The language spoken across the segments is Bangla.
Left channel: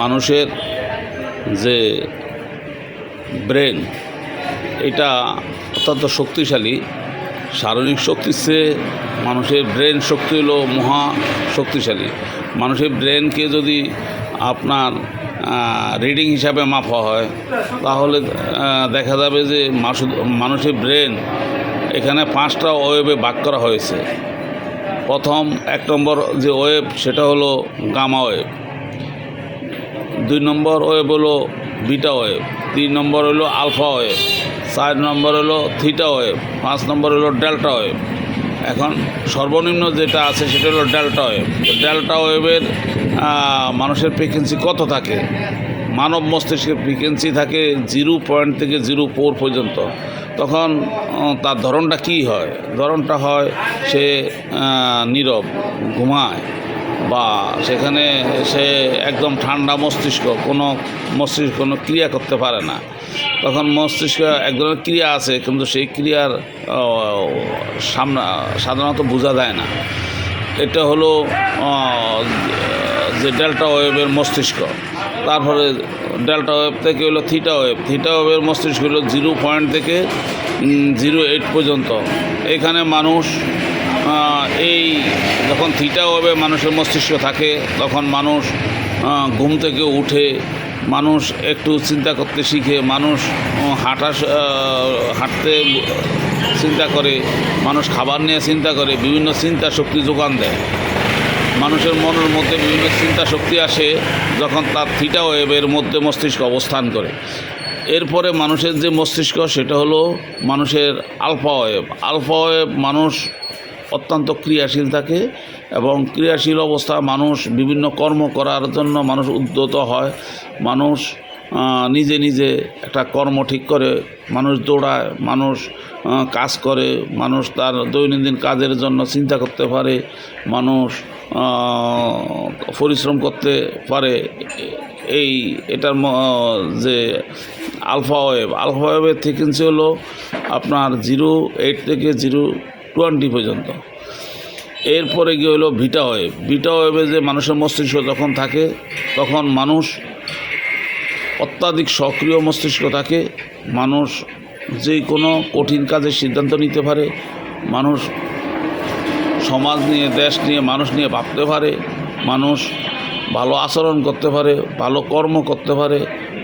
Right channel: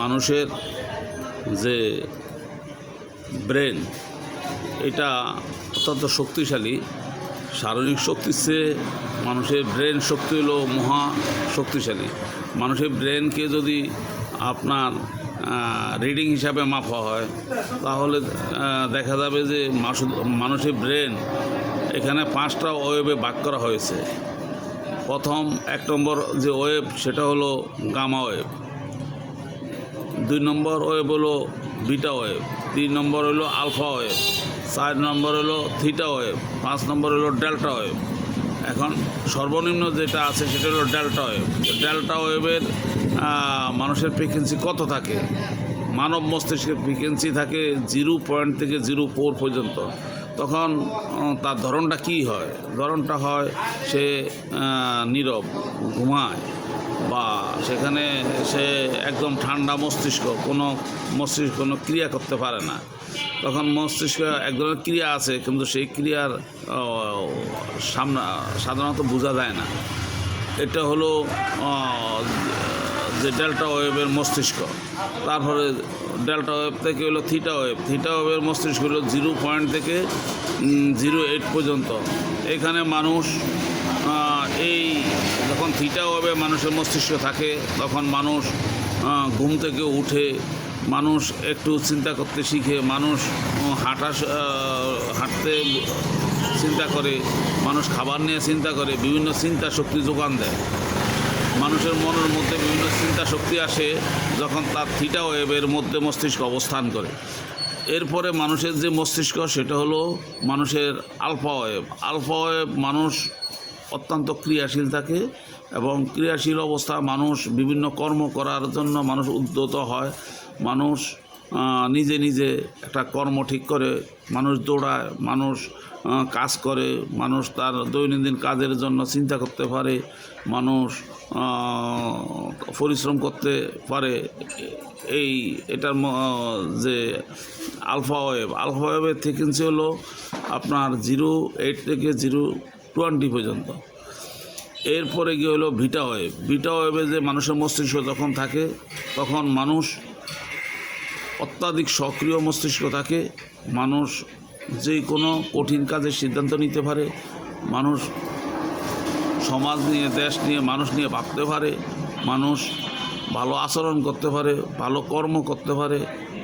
মানুষের যে ব্রেন এটা অত্যন্ত শক্তিশালী। শারীরিক শক্তির চেয়ে মানুষের ব্রেন শক্তি হলো মহা শক্তিশালী। মানুষের ব্রেনকে যদি আপনার রিডিং হিসাবে মাপা হয় তাহলে দেখা যাবে যে মানুষের ব্রেন এখানে 5টা ওয়েবে ভাগ করা হয়েছে। প্রথম 1 নম্বর যে ওয়েব সেটা হলো গামা ওয়েব, 2 নম্বর ওয়েব হলো বিটা ওয়েব, 3 নম্বর হলো আলফা ওয়েব, 4 নম্বর হলো থিটা ওয়েব, 5 নম্বর হলো ডেল্টা ওয়েব। এখন সর্বনিম্ন যেটা আছে সেটা হলো ডেল্টা ওয়েব। ডেল্টা ওয়েবের মানুষের ফ্রিকোয়েন্সি কত থাকে? মানব মস্তিষ্কের ফ্রিকোয়েন্সি থাকে 0 থেকে 0.4 পর্যন্ত। তখন তার ধরনটা কী হয়? ধরনটা হয় সে নীরব, ঘুমায়, বা সেখানে সে একদম ঠান্ডা মস্তিষ্ক, কোনো ক্রিয়া করতে পারে না। তখন মস্তিষ্ক এক ধরনের ক্রিয়া আছে, কিন্তু সেই ক্রিয়ার সাধারণত বোঝা যায় না। এটা হলো যে ডেল্টা ওয়েবের মস্তিষ্ক। তারপরে ডেল্টা ওয়েব থেকে হলো থিটা ওয়েব। থিটা ওয়েবের মস্তিষ্ক হলো 0 থেকে 0.8 পর্যন্ত। এখানে মানুষ এই যখন থিটা ওয়েবে মানুষের মস্তিষ্ক থাকে তখন মানুষ ঘুম থেকে উঠে, মানুষ একটু চিন্তা করতে শিখে, মানুষ হাঁটতে চিন্তা করে, মানুষ খাবার নিয়ে চিন্তা করে, বিভিন্ন চিন্তা শক্তি যোগান দেয়। মানুষের মনের মধ্যে বিভিন্ন চিন্তা শক্তি আসে যখন তার থিটা ওয়েবের মধ্যে মস্তিষ্ক অবস্থান করে। এরপরে মানুষের যে মস্তিষ্ক সেটা হলো মানুষের আলফা ওয়েব। আলফা ওয়েব মানুষ অত্যন্ত ক্রিয়াশীল থাকে, এবং ক্রিয়াশীল অবস্থা মানুষ বিভিন্ন কর্ম করার জন্য মানুষ উদ্যত হয়। মানুষ নিজে নিজে একটা কর্ম ঠিক করে, মানুষ দৌড়ায়, মানুষ কাজ করে, মানুষ তার দৈনন্দিন কাজের জন্য চিন্তা করতে পারে, মানুষ পরিশ্রম করতে পারে। এটার যে আলফা ওয়েবের ফ্রিকোয়েন্সি হলো আপনার 0.8 থেকে 0.20 পর্যন্ত। এরপরে গিয়ে হলো বিটা ওয়েব। বিটা ওয়েবে যে মানুষের মস্তিষ্ক যখন থাকে তখন মানুষ অত্যাধিক সক্রিয় মস্তিষ্ক থাকে। মানুষ যে কোনো কঠিন কাজের সিদ্ধান্ত নিতে পারে, মানুষ সমাজ নিয়ে, দেশ নিয়ে, মানুষ নিয়ে ভাবতে পারে, মানুষ ভালো আচরণ করতে পারে, ভালো কর্ম করতে পারে,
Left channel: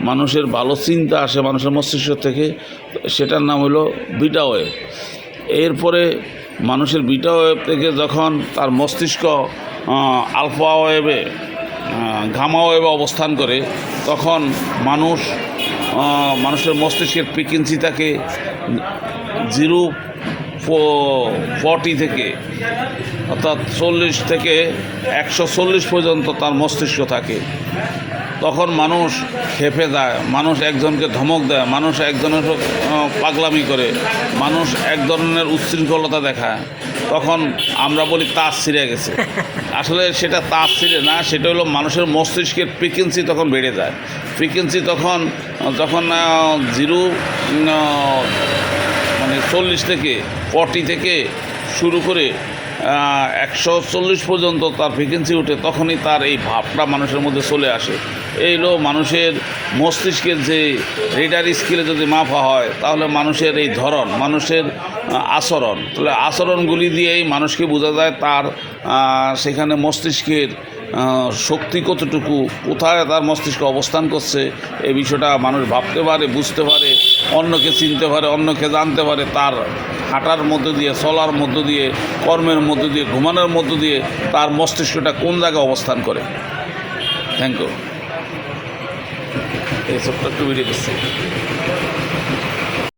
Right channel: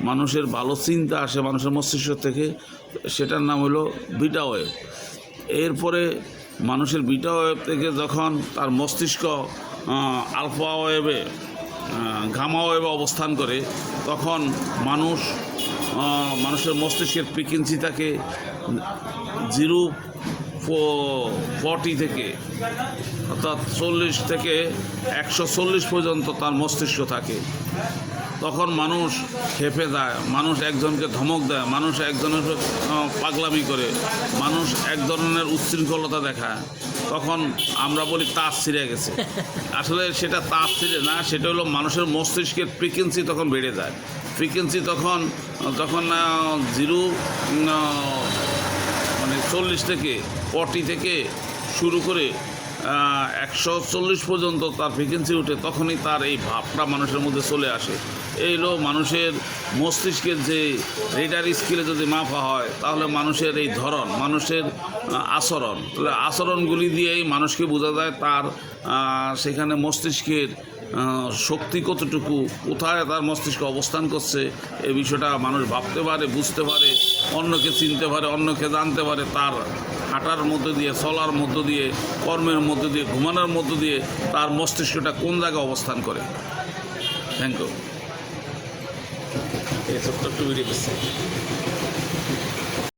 মানুষের ভালো চিন্তা আসে মানুষের মস্তিষ্ক থেকে। সেটার নাম হলো বিটা ওয়েব। এরপরে মানুষের বিটা ওয়েব থেকে যখন তার মস্তিষ্ক আলফা ওয়েবে, গামা ওয়েবে অবস্থান করে, তখন মানুষের মস্তিষ্কের ফ্রিকোয়েন্সি থাকে 0.40 থেকে, অর্থাৎ 40 থেকে 140 পর্যন্ত তার মস্তিষ্ক থাকে। তখন মানুষ খেপে যায়, মানুষ একজনকে ধমক দেয়, মানুষ একজনের পাগলামি করে, মানুষ এক ধরনের উচ্ছৃঙ্খলতা দেখায়। তখন আমরা বলি তাস ছিঁড়ে গেছে। আসলে সেটা তাস ছিঁড়ে না, সেটা হলো মানুষের মস্তিষ্কের ফ্রিকোয়েন্সি তখন বেড়ে যায়। ফ্রিকোয়েন্সি যখন 40 থেকে 40 থেকে শুরু করে 140 পর্যন্ত তার ফ্রিকোয়েন্সি উঠে, তখনই তার এই ভাবটা মানুষের মধ্যে চলে আসে। এই হলো মানুষের মস্তিষ্কের যে রেডার স্কেলে যদি মাপা হয় তাহলে মানুষের এই ধরন, মানুষের আচরণ, তাহলে আচরণগুলি দিয়েই মানুষকে বোঝা যায় তার সেখানে মস্তিষ্কের শক্তি কতটুকু, কোথায় তার মস্তিষ্ক অবস্থান করছে। এই বিষয়টা মানুষ ভাবতে পারে, বুঝতে পারে, অন্যকে চিনতে পারে, অন্যকে জানতে পারে। তার হাঁটার মধ্য দিয়ে, চলার মধ্য দিয়ে, কর্মের মধ্য দিয়ে, ঘুমানোর মধ্য দিয়ে তার মস্তিষ্কটা কোন জায়গায় অবস্থান করে। Thank you. এই সবটা একটু বেরিয়ে দিচ্ছি।